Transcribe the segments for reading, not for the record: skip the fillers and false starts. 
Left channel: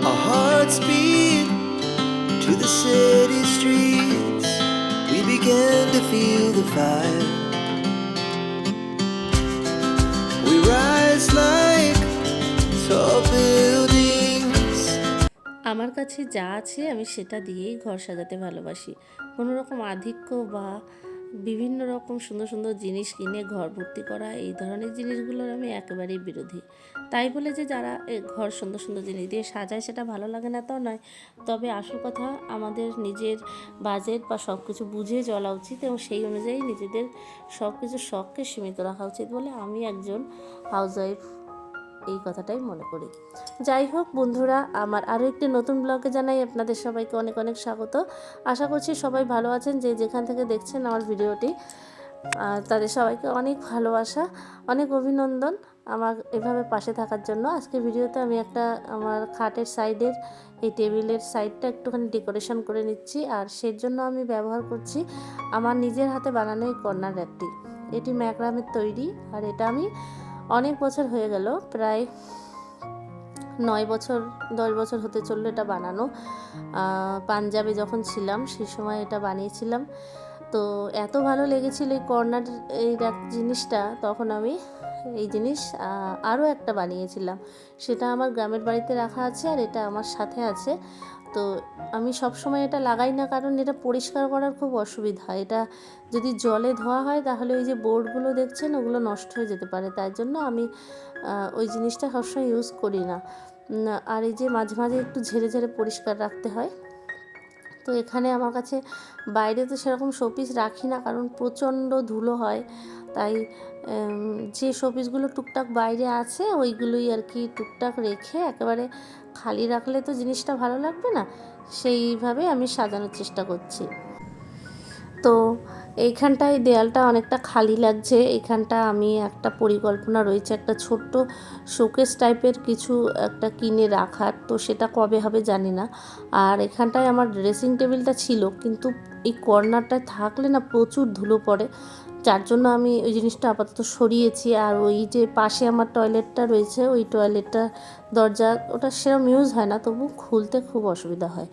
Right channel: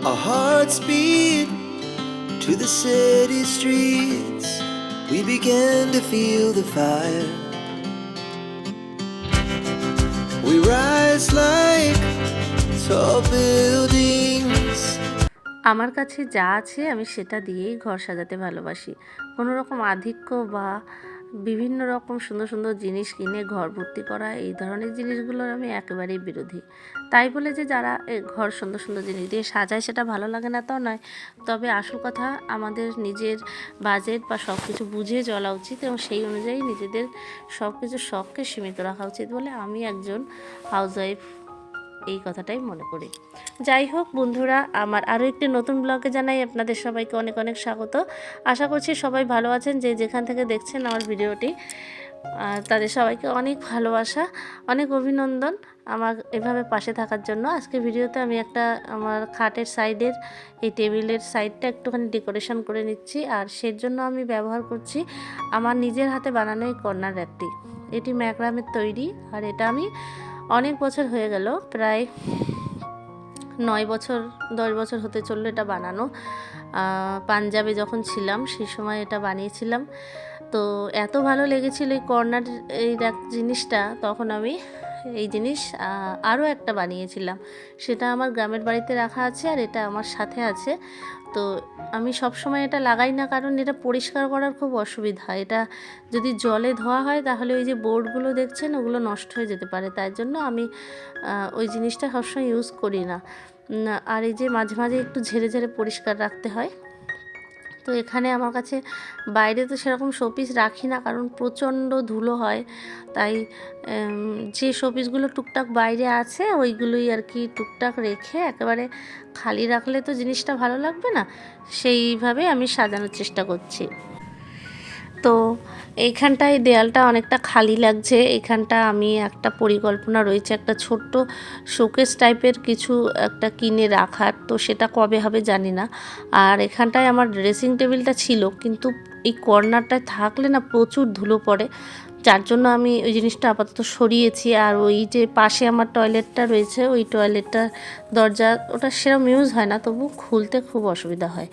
Our hearts beat to the city streets. We began to feel the fire. We rise like tall buildings. আমার কাছে যা আছে আমি সেটা দিয়েই ঘর সাজাতে ভালোবাসি। কোনো রকম আধিক্য বা বিভিন্ন রকম সুন্দর সুন্দর জিনিস কিনে ঘর ভর্তি করা, এই ধরনের জিনিসগুলোর আমি একেবারেই বিরোধী। তাই বলে যে যারা ঘর সুন্দর সুন্দর জিনিস দিয়ে সাজায় সেটা ভালো লাগে না তাও নয়, তবে আসল কথা আমাদের নিজের বাজেট বা সব কিছু বুঝে চলা উচিত এবং সেই অনুযায়ী নিজেদের সব কিছু শখকে সীমিত রাখা উচিত বলে আমি একজন হাউসওয়াইফ এই কথাটাই মনে করি। যাই হোক বন্ধুরা, আমার আরও একটি নতুন ব্লগে জানাই আপনাদের সবাইকে অনেক অনেক স্বাগত। আশা করছি সবাই ভালো আছেন, যে যেখান থেকে দেখছেন আমার ভিডিওটি। তাদের সবাইকে অনেক ভালোবাসা, অনেক অভিনন্দন আমার এভাবে পাশে থাকার জন্য। আজকে ভিডিওতে আমি একটা আমার খাটের সাইডের এই টেবিলের সাইডটা একটুখানি ডেকোরেশন করে নিচ্ছি, আর সের জন্য আমি ব্যবহার করছি আমার নিজের হাতে বানানো এই কর্নার র্যাকটি। এটি ম্যাক্রামের তৈরি, আর এটা আমি অনেক বছর হয়ে গেল, প্রায় 9 বছর 10 বছর হতে চললো এটা বানানো। পাঞ্জাবে যখন ছিলাম সেই সময় এটা বানিয়েছিলাম। তো এত ভালো লেগেছিল এই কর্নার এই জিনিসটা, তখন আমি এই জিনিস আরও একটা বানিয়েছিলাম। সেটা আমার গ্রামের বাড়িতে রাখা আছে, আর এটা আমার সাথে আছে। তো আমি সব সময় এটা লাগাই না, কারণ এটা পরিষ্কার করার খুব অসুবিধা। এটা যদি জলে ধোয়া হয় তাহলে ওই যে বোর্ডগুলো দেখছেন ওগুলো নষ্ট হয়ে যেতে পারে, তাই জন্য আমি ওই জিনিসটা সবসময় ইউজ করি না। আর এই যে মাঝে মাঝে একটু ঝেড়ে ঝেড়ে পরিষ্কার রাখতে হয়। তো এখানে আমার কাছে বাইরে তো সেরকম শোপিস রাখি না, কারণ প্রচণ্ড ধুলো হয়। তাই যে শোপিসগুলো টুকটাক বাইরে আছে ওইগুলোই আর কি টুকটাক রেখে, একেবারে খালি রাখলে তো জিনিসটা ভালো লাগবে না, সেইভাবে আমি সাজানোর চেষ্টা করছি। তো এইখানটায় দেয়ালটা অনেকটা খালি লাগছে। এইখানটা আমি একটা পরিকল্পনা রয়েছে একটা ছোট্ট শোকেস টাইপের কিছু একটা কিনে রাখার, তো সেটা কবে হবে জানি না। আর এখানটায় আমার ড্রেসিং টেবিলটা ছিল, কিন্তু এই কর্নারটায় থাকলে না প্রচুর ধুলো পড়ে, যার জন্য আমি ওই জিনিসটা আপাতত সরিয়েছি। আর ওই যে পাশে আমার টয়লেটটা রয়েছে, ওই টয়লেটটা দরজা ওটা সেরকম ইউজ হয় না, তবু খুলতে খুব অসুবিধা হয়।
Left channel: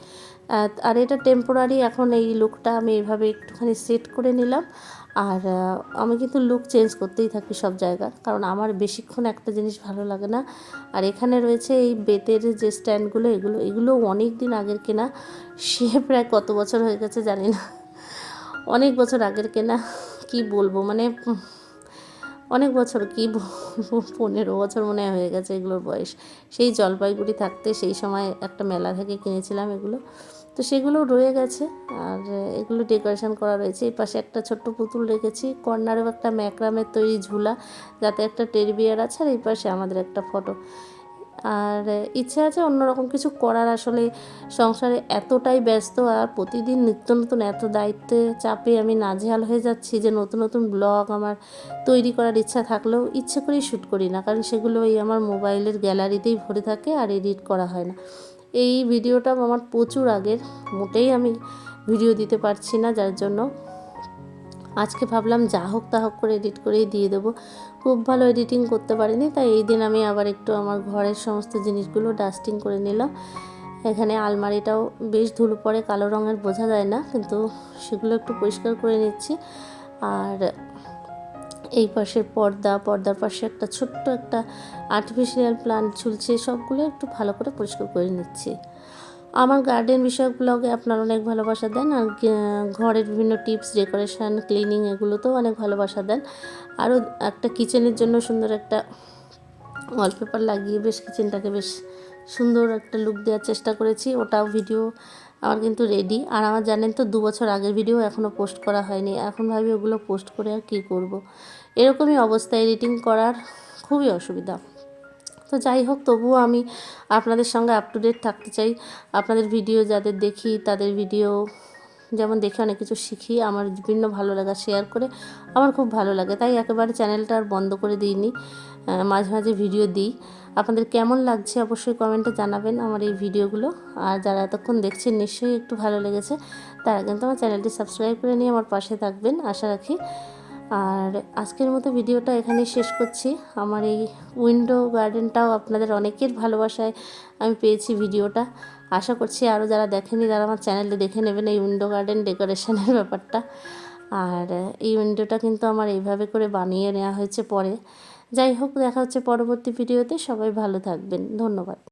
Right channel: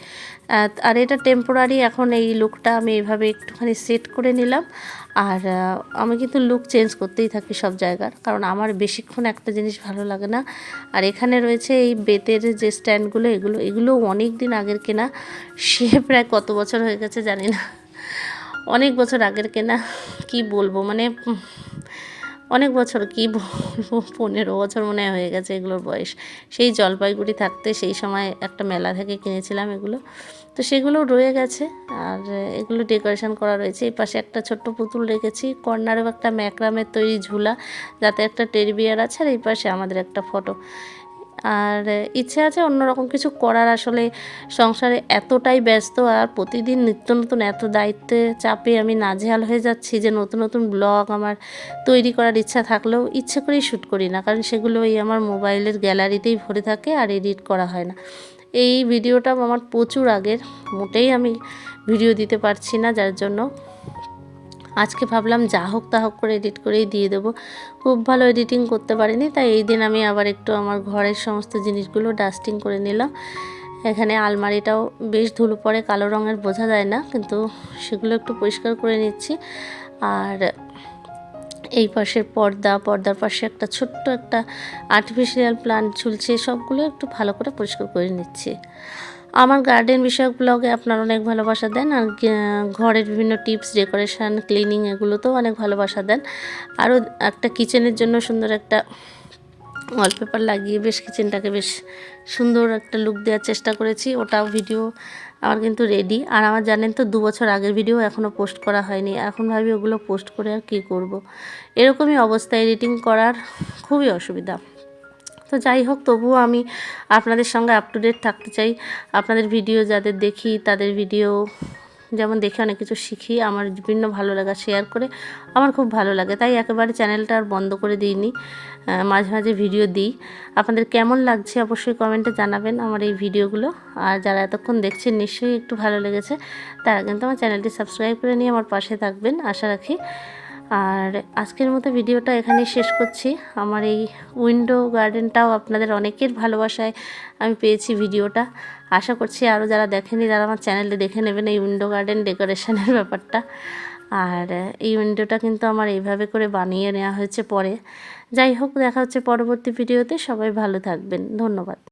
আর এটা টেম্পোরারি, এখন এই লুকটা আমি এইভাবে একটুখানি সেট করে নিলাম। আর আমি কিন্তু লুক চেঞ্জ করতেই থাকি সব জায়গার, কারণ আমার বেশিক্ষণ একটা জিনিস ভালো লাগে না। আর এখানে রয়েছে এই বেতের যে স্ট্যান্ডগুলো, এগুলো অনেক দিন আগের কেনা, সে প্রায় কত বছর হয়ে গেছে জানি না, অনেক বছর আগের কেনা। কি বলবো, মানে অনেক বছর, কি বলবো, 15 বছর মনে হয়ে গেছে এগুলোর বয়স। সেই জলপাইগুড়ি থাকতে সেই সময় একটা মেলা থেকে কিনেছিলাম এগুলো, তো সেগুলো রয়ে গেছে। আর এগুলো ডেকোরেশন করা রয়েছে। এই পাশে একটা ছোট্ট পুতুল রেখেছি, কর্নারেও একটা ম্যাক্রামের তৈরি ঝুলা, যাতে একটা টেডি বিয়ার আছে, আর এই পাশে আমাদের একটা ফটো। আর ইচ্ছে আছে অন্যরকম কিছু করার, আসলে সংসারে এতটাই ব্যস্ত আর প্রতিদিন নিত্য নতুন এত দায়িত্বে চাপে আমি নাজেহাল হয়ে যাচ্ছি যে নতুন নতুন ব্লগ আমার তৈরি করার ইচ্ছা থাকলেও ইচ্ছে করেই শ্যুট করি না, কারণ সেগুলো এই আমার মোবাইলের গ্যালারিতেই ভরে থাকে আর এডিট করা হয় না। এই ভিডিওটা আমার প্রচুর আগের, মোটেই আমি ভিডিও দিতে পারছি না, যার জন্য আজকে ভাবলাম যা হোক তা হোক করে এডিট করেই দিয়ে দেবো। খুব ভালো এডিটিং করতে পারিনি, তাই এই দিন আমি আবার একটু আমার ঘরের সমস্ত জিনিসগুলো ডাস্টিং করে নিলাম। এখানে আলমারিটাও বেশ ধুলো পড়ে, কালো রঙের, বোঝা যায় না, কিন্তু সেগুলো একটু পরিষ্কার করে নিচ্ছি। আর এই পাশের পর্দার পাশে একটা ছোট্ট একটা আর্টিফিশিয়াল প্লান্ট ঝুলছে, সবগুলো একটু ভালো করে পরিষ্কার করে নিচ্ছি। আমার গার্ডেন বিষয়ক ব্লগে আপনারা অনেক ভালোবাসা দেন, আর ঘরের বিভিন্ন টিপস, ডেকোরেশন, ক্লিনিং, এগুলোতেও অনেক ভালোবাসা দেন। আরও একটা কিচেনের জন্য সুন্দর একটা ওয়ালপেপার লাগিয়ে বেশ কিচেনটাকে বেশ সুন্দর একটা লুক দেওয়ার চেষ্টা করেছি, ওটাও ভিডিও আমার কিন্তু রেডি। আর আমার জানেন তো 2 বছর আগের ভিডিও এখনও পোস্ট করা হয়নি, এখন ভাবি ওগুলো পোস্ট করে আর কী করব। এরকমই অবস্থা, এডিটিং করার খুবই অসুবিধা। তো যাই হোক, তবুও আমি আপনাদের সঙ্গে আপ টু ডেট থাকতে চাই। আপনাদের ভিডিও যাদের দেখি তাদের ভিডিও যেমন দেখে অনেক কিছু শিখি, আমার বিভিন্ন ভালো লাগা শেয়ার করে আমার খুব ভালো লাগে, তাই একেবারে চ্যানেলটা আর বন্ধ করে দিইনি, মাঝে মাঝে ভিডিও দিই। আপনাদের কেমন লাগছে অবশ্যই কমেন্টে জানাবেন আমার এই ভিডিওগুলো। আর যারা এতক্ষণ দেখছেন নিশ্চয়ই একটু ভালো লেগেছে, তারা কিন্তু আমার চ্যানেলটি সাবস্ক্রাইব করে নিয়ে আমার পাশে থাকবেন আশা রাখি। আর আজকের মতো ভিডিওটা এখানেই শেষ করছি। আমার এই উইন্ডো গার্ডেনটাও আপনাদের অনেকের ভালোবাসায় আমি পেয়েছি ভিডিওটা। আশা করছি আরও যারা দেখেনি তারা আমার চ্যানেলে দেখে নেবেন এই উইন্ডো গার্ডেন ডেকোরেশনের ব্যাপারটা। আর এই উইন্ডোটা কিন্তু আমার এইভাবে করে বানিয়ে নেওয়া হয়েছে পরে। যাই হোক, দেখা হচ্ছে পরবর্তী ভিডিওতে। সবাই ভালো থাকবেন, ধন্যবাদ।